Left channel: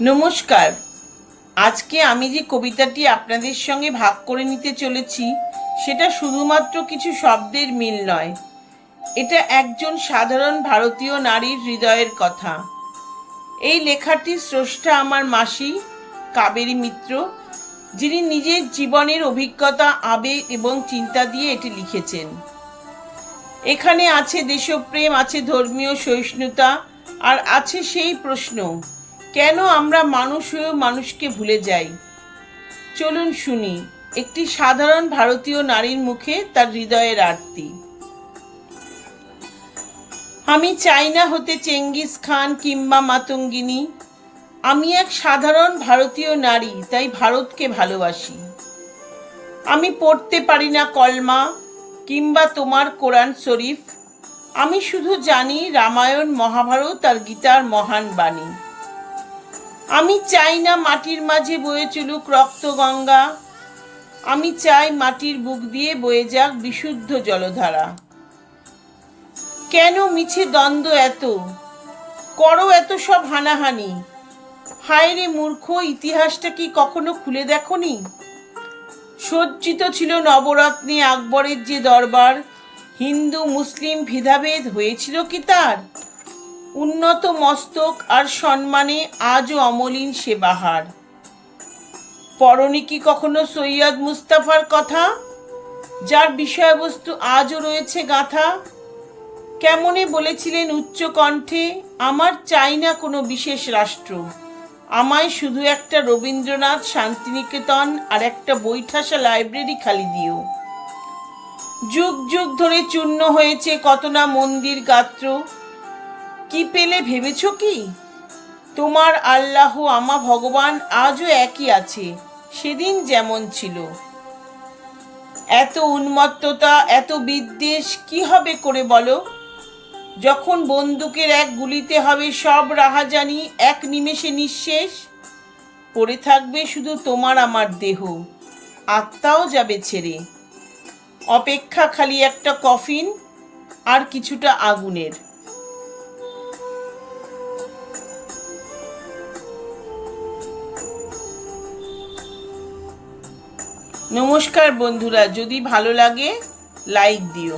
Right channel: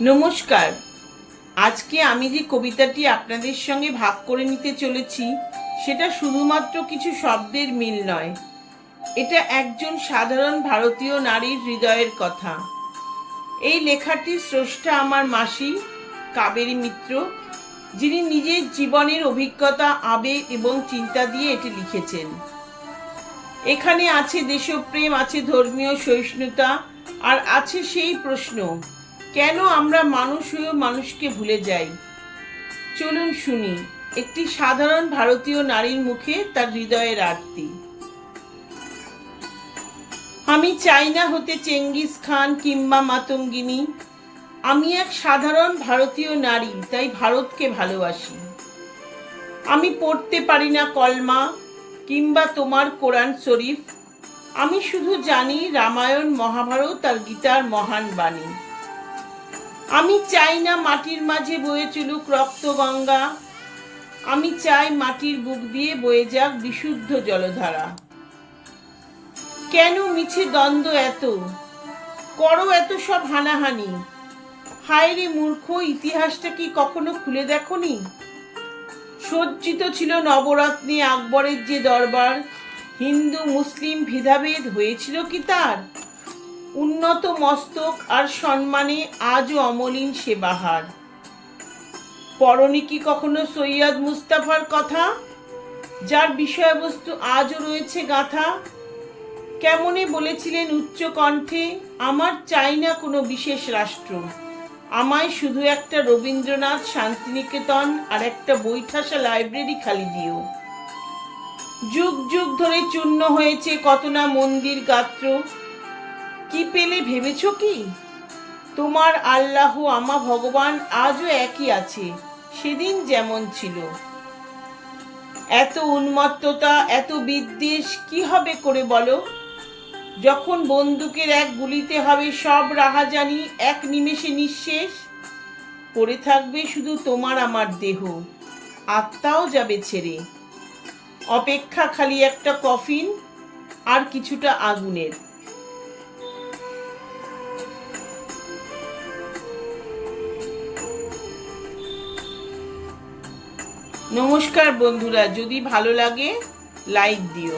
নমস্কার। আজকে আমি যে কবিতাটি আপনাদের সঙ্গে ভাগ করে নিতে চলেছি, সেটা শুধুমাত্র কিছু শব্দের মিল নয়। এটা একজন সাধারণ ভারতীয় নারীর হৃদয়ের কথা। এই লেখাটির স্রষ্টা আমার মাসি, কাবেরী মিত্র, যিনি নিজের জীবনের অভিজ্ঞতা, আবেগ এবং চিন্তা দিয়ে এটি লিখেছেন। এখানে আছে দেশপ্রেম, আছে ধর্মীয় সহিষ্ণুতা, আর আছে সেই প্রশ্ন। কেন আমরা মানুষ হয়েও মানুষকে ভুলে যাই? চলুন শুনি, একটি সাধারণ ভারতীয় নারীর মুখে তার হৃদয়ের আরতি। আমি চাই না হতে চেঙ্গিস খান কিংবা মাতঙ্গিনী। আমি এক সাধারণ ভারতীয় নারী, তাই ভারতকে ভালোবাসি। আমি পড়তে পারি না কলমা কিংবা তোমার কোরআন শরীফ। আমি শুধু জানি রামায়ণ, মহাভারত আর গীতার মহান বাণী। আমি চাই না মাটির মাঝে বয়ে চলুক রক্ত গঙ্গা আমি চাই মাটির বুক দিয়ে বয়ে যাক বিশুদ্ধ জলধারা। কেন মিছে দ্বন্দ্ব এত? করো এত সব হানাহানি। হায় রে মূর্খ, ইতিহাসটা কি কখনো খুলে দেখনি? সজ্জিত ছিল নবরত্নে আকবরের যে দরবার। হিন্দু, মুসলিম ভেদাভেদ হয়েছিল কি তার? উন্নত মস্তক আর সম্মানে আজও অমলিন সে বাহার পরনি কি কখনো সৈয়দ মুস্তাফার কথা? যার বিষয়বস্তু আজও রয়েছে গাথা? কেমনে বলেছিলেন উচ্চ কণ্ঠে, আমার চাই না কোনো বিশেষ রাষ্ট্র। আমায় শুধু একটা রবীন্দ্রনাথ শান্তিনিকেতন আর একটা বৈঠাসা লাইব্রেরি খালি দিও। যুগ যুগ ধরে চূর্ণ হয়েছে কত না মন্দির গাত্র কি পেলে ভেবেছ কি? তোমার আল্লাহ, আমা, ভগবান আজও একই আছে, সেদিন যেমন ছিল। এত উন্মত্ততা, এত বিদ্বেষ কি হবে করে বলো? যখন বন্দুকের এক গুলিতে হবে সব রাহাজানি, এক নিমেষে নিঃশেষ। পড়ে থাকবে শুধু তোমার আমার দেহ, আত্মাও যাবে ছেড়ে। অপেক্ষা খালি একটা কফিন আর কিছুটা আগুনের। নমস্কার বন্ধুরা যদি ভালো লাগে লাইক দিও।